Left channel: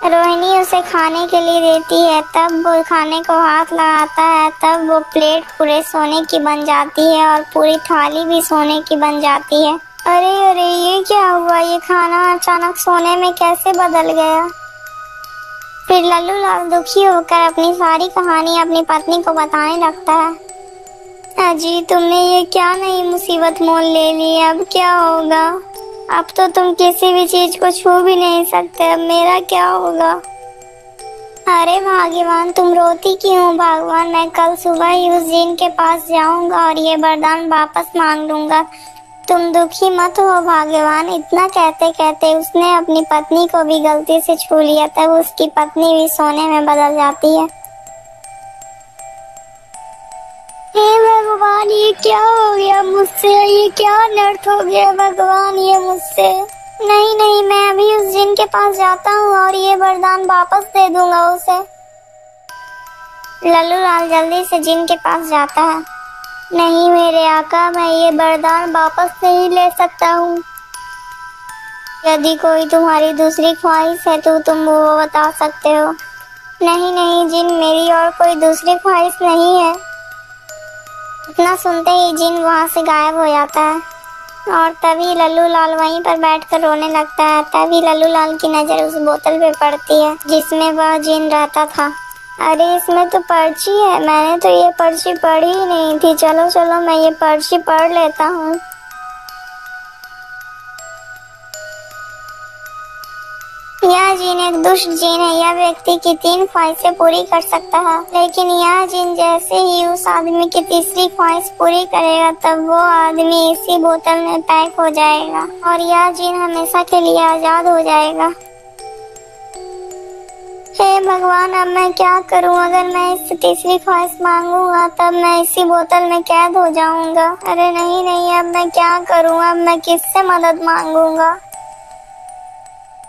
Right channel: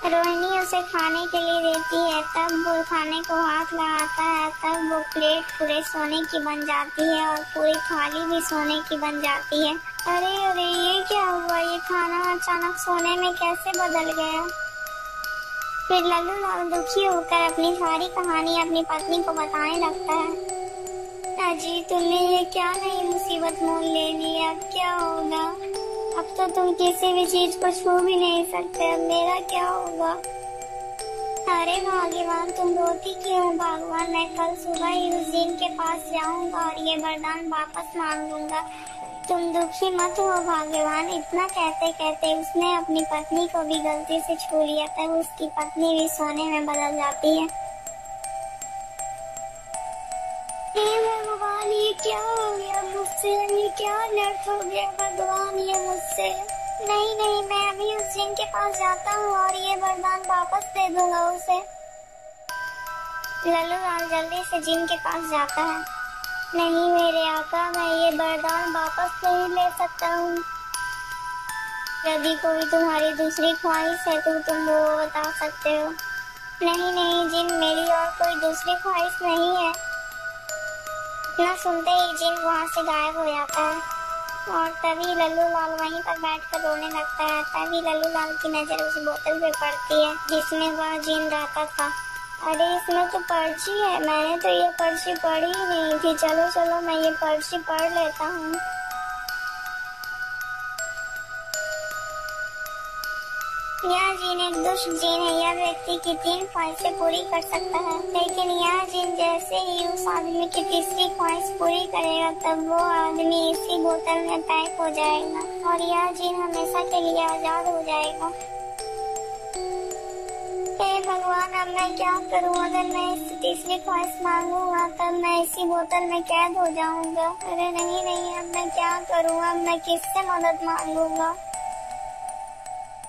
रोहिणी उसे खाने के लिए देती है, तब वो खाने को हाथ लगाता है, तब वो प्लेट पूरे सोने की बन जाती है और पूरी थाली भी सोने की बन जाती है। अरे अरे, ये क्या हुआ? ये खाना अचानक सोने में कैसे बदल गया? फिर लल्लू लाल दुखी होकर अपनी सारी कहानी अपनी पत्नी को बताने लगता है। अजी, तुमने ये क्या नई मुसीबत मोल ले ली? अब क्या होगा? अब तो तुम किसी भी चीज को छू भी नहीं सकते। अब मेरा क्या होगा? अरे भाग्यवान, तुम रोती क्यों? भगवान, मैं कल सुबह ही उस जिन के पास जाऊंगा और ये वरदान वापस मांग लूंगा। तुम दुखी मत हो भाग्यवान। इतना कहते कहते उसने अपनी पत्नी को भी गलती से छू लिया। तब उसकी पत्नी भी सोने में बदल जाती है। हे भगवान, ये क्या हो गया मुझसे? ये क्या अनर्थ हो गया भगवान, ये मुझसे? नहीं नहीं, मैं अभी उस जिन के पास जाता हूँ और ये वरदान वापस दे दूंगा उसे। लल्लू लाल जल्दी से जिन के पास जाता है। नहीं मेरे आका, मैं ये वरदान वापस नहीं ले सकता हूँ। यदि कोई तुम्हारी दूसरी ख्वाहिश है तो तुम वो बता सकते हो। नहीं नहीं जिन, मेरी और कोई दूसरी ख्वाहिश नहीं है। इतना सुनते ही जिन वहाँ से गायब हो जाता है और तभी लल्लू लाल वहीं पर बैठकर रोने लगता है। तभी लल्लू लाल की नज़र उस बोतल पे पड़ती है जिसमें वह जिन रहता था। अरे, इसमें तो पर्ची है। मैंने तो ये पर्ची पढ़ी ही नहीं थी। चलो चलो, मैं ये पर्ची पढ़ लेता हूँ। यह जिन एक दुष्ट जिन है। यह व्यक्ति की 3 ख्वाहिशें पूरी कर सकता है, लेकिन यह जिन जैसे ही उस आदमी की तीसरी ख्वाहिश पूरी करेगा तब वो आदमी इसी बोतल में पैक हो जाएगा और यह जिन हमेशा के लिए आजाद हो जाएगा। हे भगवान, अब मैं क्या करूं? अगर मैं इससे तीसरी ख्वाहिश मांगूंगा तब मैं इसी बोतल में कैद हो जाऊंगा। अरे नहीं नहीं, अब मैं क्या करूं? अब मैं किससे मदद मांगूंगा?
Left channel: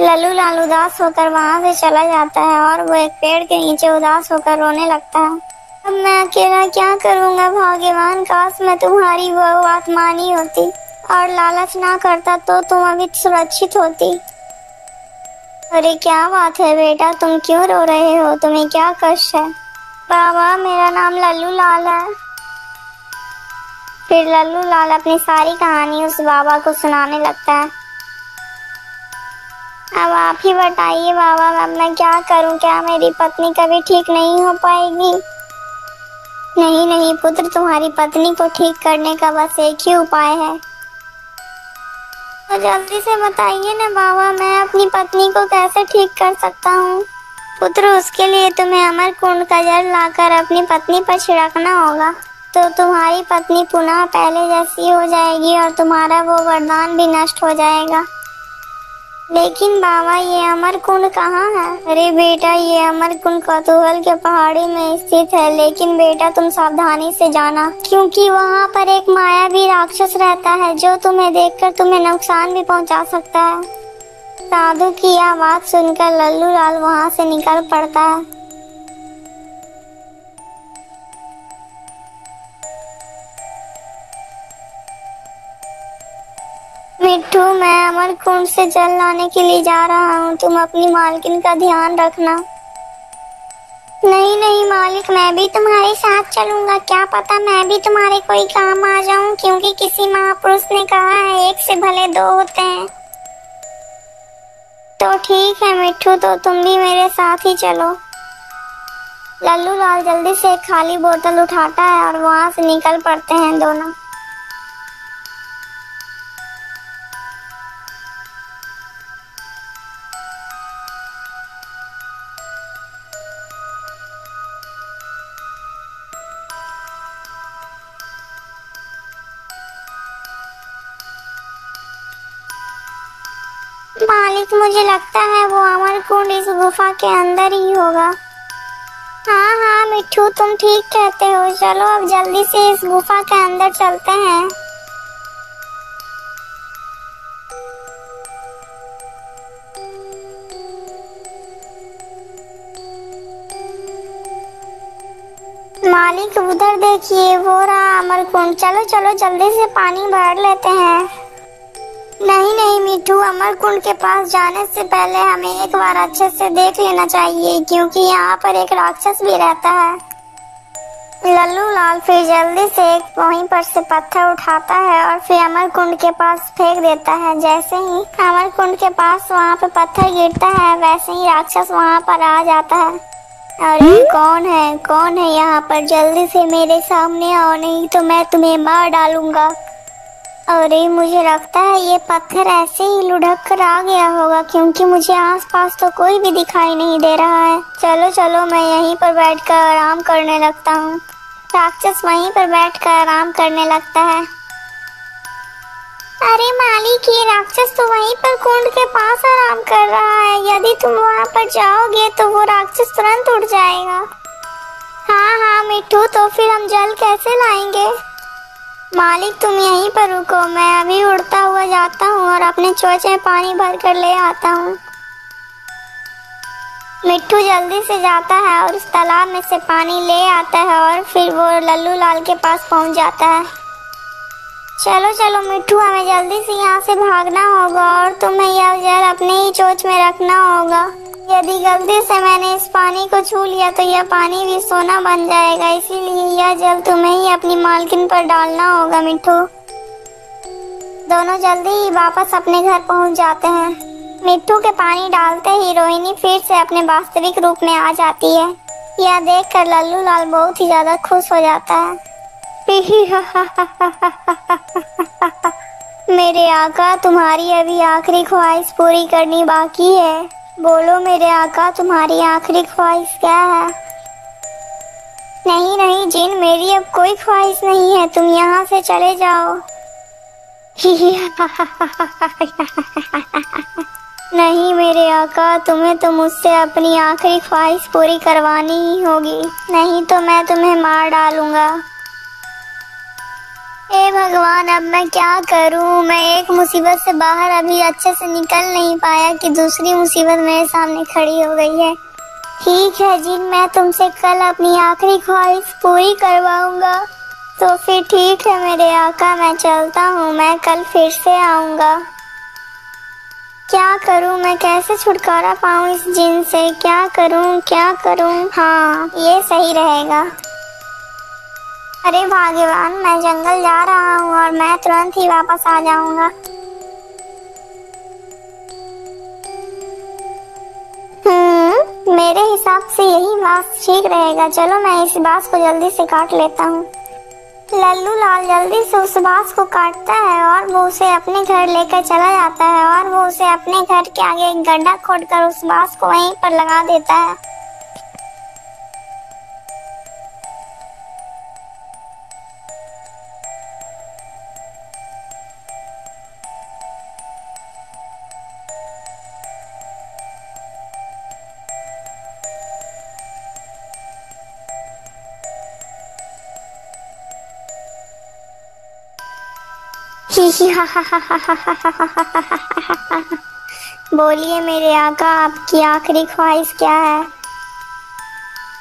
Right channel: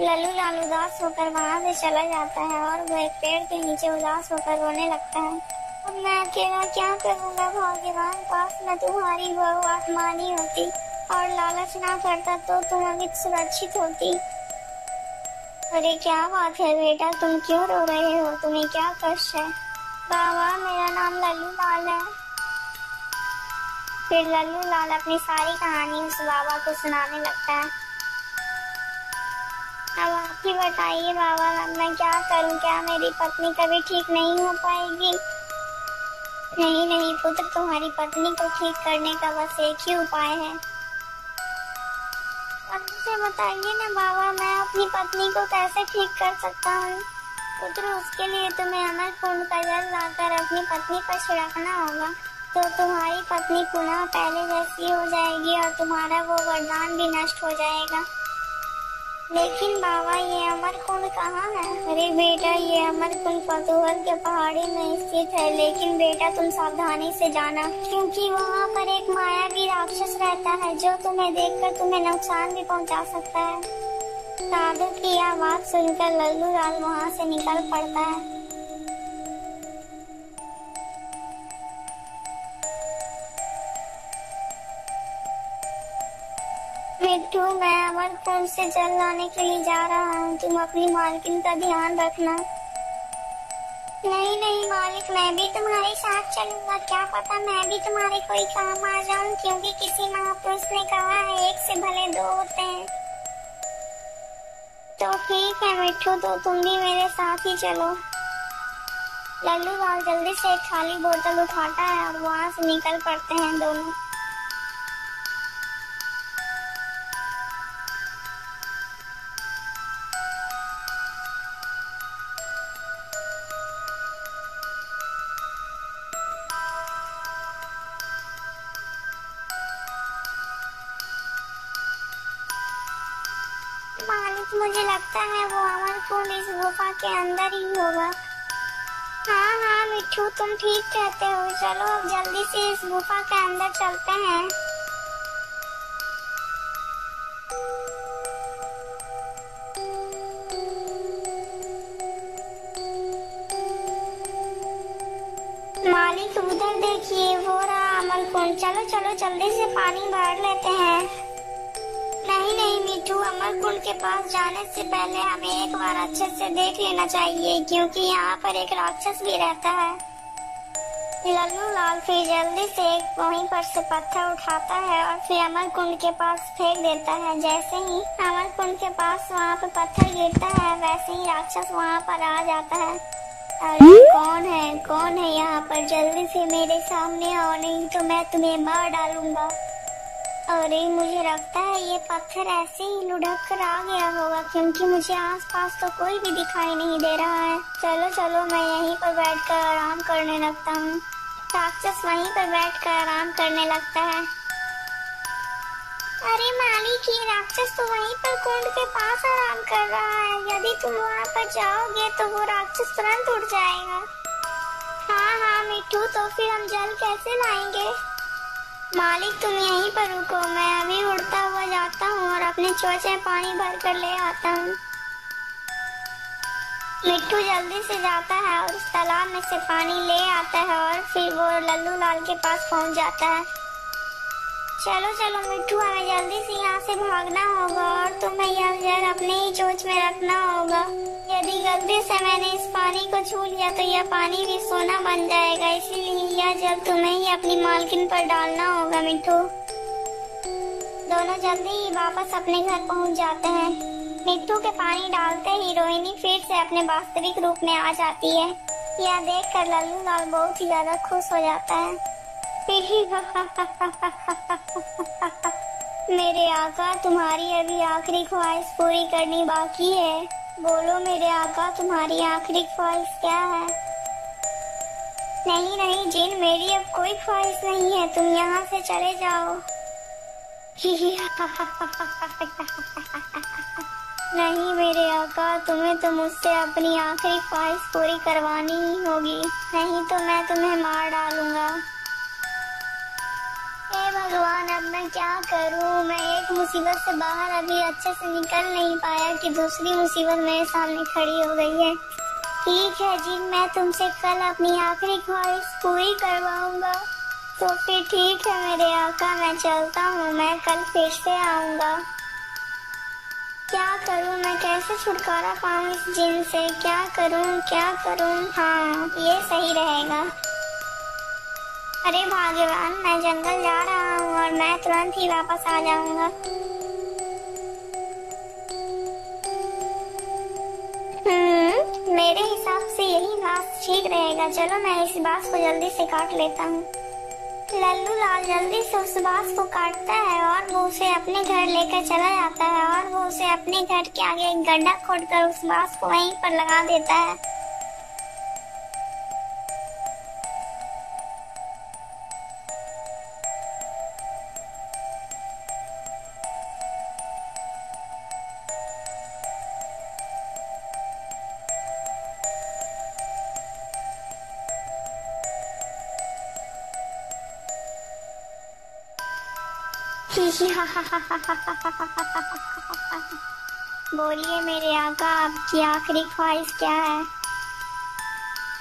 लल्लू लाल उदास होकर वहाँ से चला जाता है और वो एक पेड़ के नीचे उदास होकर रोने लगता है। अब मैं अकेला क्या करूँगा भाग्यवान? काश मैं तुम्हारी वो बात मानी होती और लालच ना करता तो तुम अभी सुरक्षित होती। अरे क्या बात है बेटा, तुम क्यों रो रहे हो? तुम्हें क्या कष्ट है? बाबा, मेरा नाम लल्लू लाल है। फिर लल्लू लाल अपनी सारी कहानी उस बाबा को सुनाने लगता है। अब आप ही बताइए बाबा, अब मैं क्या करूं? क्या मेरी पत्नी कभी ठीक नहीं हो पाएगी? नहीं नहीं पुत्र, तुम्हारी पत्नी को ठीक करने का बस एक ही उपाय है। तो जल्दी से बताइए ना बाबा, मैं अपनी पत्नी को कैसे ठीक कर सकता हूँ? पुत्र, उसके लिए तुम्हें अमर कुंड का जल लाकर अपनी पत्नी पर छिड़कना होगा, तो तुम्हारी पत्नी पुनः पहले जैसी हो जाएगी और तुम्हारा वो वरदान भी नष्ट हो जाएगा। लेकिन बाबा, ये अमर कुंड कहाँ है? अरे बेटा, ये अमर कुंड कौतूहल के पहाड़ी में स्थित है। लेकिन बेटा, तुम सावधानी से जाना, क्योंकि वहाँ पर एक मायावी राक्षस रहता है जो तुम्हें देखकर तुम्हें नुकसान भी पहुँचा सकता है। साधु की यह बात सुनकर लल्लू लाल वहाँ से निकल पड़ता है। मिट्ठू, मैं अमर कुंड से जल लाने के लिए जा रहा हूँ। तुम अपनी मालकिन का ध्यान रखना। नहीं नहीं मालिक, मैं भी तुम्हारे साथ चलूंगा। क्या पता मैं भी तुम्हारे कोई काम आ जाऊं, क्योंकि किसी महापुरुष ने कहा है एक से भले 2 होते हैं। तो ठीक है मिट्ठू, तो तुम भी मेरे साथ ही चलो। लल्लू लाल जल्दी से एक खाली बोतल उठाता है और वहाँ से निकल पड़ते हैं दोनों। मालिक, मुझे लगता है वो अमर कुंड इस गुफा के अंदर ही होगा। हाँ हाँ मिट्ठू, तुम ठीक कहते हो। चलो अब जल्दी से इस गुफा के अंदर चलते हैं। मालिक, उधर देखिए, वो रहा अमर कुंड। चलो चलो जल्दी से पानी भर लेते हैं। नहीं नहीं मिठू, अमरकुंड के पास जाने से पहले हमें एक बार अच्छे से देख लेना चाहिए, क्योंकि यहाँ पर एक राक्षस भी रहता है। लल्लू लाल फिर जल्दी से एक वहीं पर से पत्थर उठाता है और फिर अमरकुंड के पास फेंक देता है। जैसे ही अमरकुंड के पास वहाँ पे पत्थर गिरता है, वैसे ही राक्षस वहाँ पर आ जाता है। अरे कौन है यहाँ पर? जल्दी से मेरे सामने आओ, नहीं तो मैं तुम्हें मार डालूंगा। अरे मुझे लगता है ये पत्थर ऐसे ही लुढ़क कर आ गया होगा, क्योंकि मुझे आसपास तो कोई भी दिखाई नहीं दे रहा है। चलो चलो, मैं यहीं पर बैठकर आराम करने लगता हूँ। राक्षस वहीं पर बैठकर आराम करने लगता है। अरे मालिक, ये राक्षस तो वहीं पर कुंड के पास आराम कर रहा है। यदि तुम वहाँ पर जाओगे तो वो राक्षस तुरंत उड़ जाएगा। हाँ मिट्टू, तो फिर हम जल कैसे लाएंगे? मालिक तुम यहीं पर रुको, मैं अभी उड़ता हुआ जाता हूँ और अपने चोंच में पानी भर कर ले आता हूँ। मिट्टू जल्दी से जाता है और उस तालाब में से पानी ले आता है और फिर वो लल्लू लाल के पास पहुँच जाता है। चलो चलो मिट्टू, हमें जल्दी से यहाँ से भागना होगा और तुम्हें यह जल अपने ही चोंच में रखना होगा। यदि गलती से मैंने इस पानी को छू लिया तो यह पानी भी सोना बन जाएगा, इसीलिए यह जल तुम्हें ही अपनी मालकिन पर डालना होगा। मिट्टू दोनों जल्दी ही वापस अपने घर पहुँच जाते हैं। मिट्टू के पानी डालते ही रोहिणी फिर से अपने वास्तविक रूप में आ जाती है। यह देखकर लल्लू लाल बहुत ही ज्यादा खुश हो जाता है। मेरे आका, तुम्हारी अभी आखिरी ख्वाहिश पूरी करनी बाकी है। बोलो मेरे आका, तुम्हारी आखिरी ख्वाहिश क्या है? नहीं नहीं जिन, मेरी अब कोई ख्वाहिश नहीं है, तुम यहाँ से चले जाओ। नहीं मेरे आका, तुम्हें तो मुझसे अपनी आखिरी ख्वाहिश पूरी करवानी ही होगी, नहीं तो मैं तुम्हें मार डालूंगा। हे भगवान, अब मैं क्या करूं? मैं एक मुसीबत से बाहर अभी अच्छे से निकल नहीं पाया कि दूसरी मुसीबत मेरे सामने खड़ी हो गई है। ठीक है जिन, मैं तुमसे कल अपनी आखिरी ख्वाहिश पूरी करवाऊंगा। तो फिर ठीक है मेरे आका, मैं चलता हूँ, मैं कल फिर से आऊंगा। क्या करूं मैं? कैसे छुटकारा पाऊं इस जिन से? क्या करूं? हाँ, ये सही रहेगा। अरे भाग्यवान, मैं जंगल जा रहा हूँ और मैं तुरंत ही वापस आ जाऊंगा। मेरे हिसाब से यही बांस ठीक रहेगा। चलो मैं इस बांस को जल्दी से काट लेता हूँ। लल्लू लाल जल्दी से उस बांस को काटता है और वो उसे अपने घर लेकर चला जाता है और वो उसे अपने घर के आगे एक गड्ढा खोदकर उस बांस को वहीं पर लगा देता है। बोलिए मेरे आका, आपकी आखिरी ख्वाहिश क्या है?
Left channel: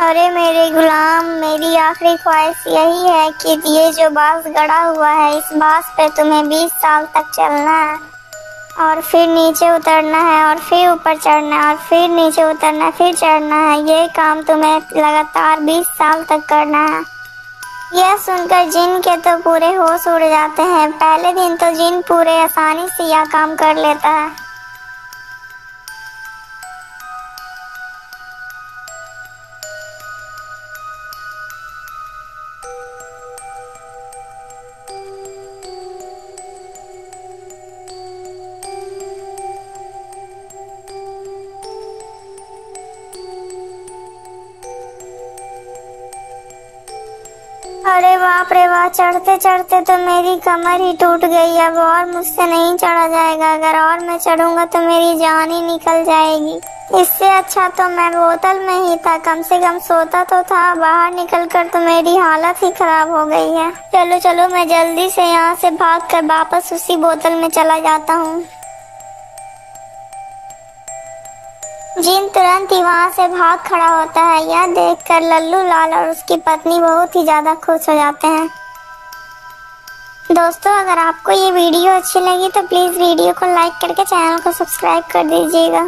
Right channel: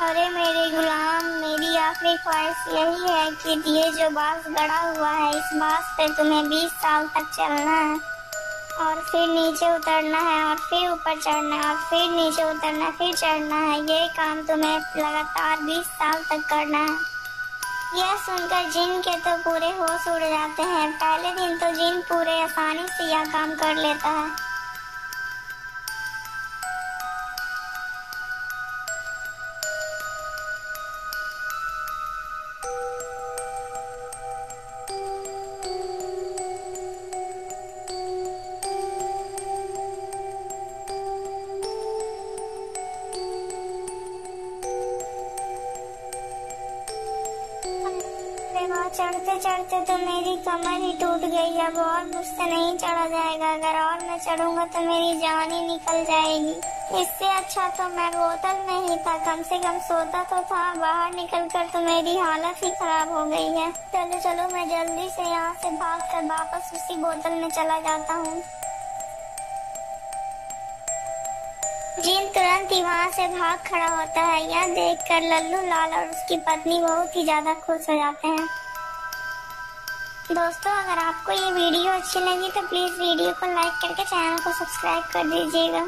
अरे मेरे गुलाम, मेरी आखिरी ख्वाहिश यही है कि ये जो बांस गड़ा हुआ है, इस बांस पे तुम्हें 20 साल तक चलना है और फिर नीचे उतरना है और फिर ऊपर चढ़ना है और फिर नीचे उतरना, फिर चढ़ना है। ये काम तुम्हें लगातार 20 साल तक करना है। यह सुनकर जिन के तो पूरे होश उड़ जाते हैं। पहले दिन तो जिन पूरे आसानी से यह काम कर लेता है। अरे बाप रे बाप, चढ़ते चढ़ते तो मेरी कमर ही टूट गई। अब और मुझसे नहीं चढ़ा जाएगा। अगर और मैं चढ़ूंगा तो मेरी जान ही निकल जाएगी। इससे अच्छा तो मैं बोतल में ही था, कम से कम सोता तो था। बाहर निकलकर तो मेरी हालत ही खराब हो गई है। चलो चलो, मैं जल्दी से यहाँ से भागकर वापस उसी बोतल में चला जाता हूँ। जिन तुरंत ही वहाँ से भाग खड़ा होता है। यह देखकर लल्लू लाल और उसकी पत्नी बहुत ही ज्यादा खुश हो जाते हैं। दोस्तों अगर आपको ये वीडियो अच्छी लगी तो प्लीज़ वीडियो को लाइक करके चैनल को सब्सक्राइब कर दीजिएगा।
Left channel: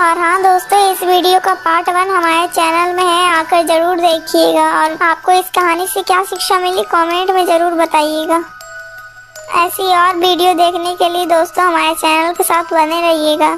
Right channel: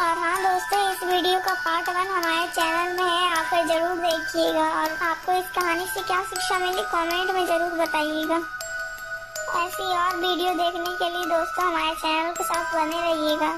और हाँ दोस्तों, इस वीडियो का पार्ट 1 हमारे चैनल में है, आकर ज़रूर देखिएगा। और आपको इस कहानी से क्या शिक्षा मिली कमेंट में ज़रूर बताइएगा। ऐसी और वीडियो देखने के लिए दोस्तों हमारे चैनल के साथ बने रहिएगा।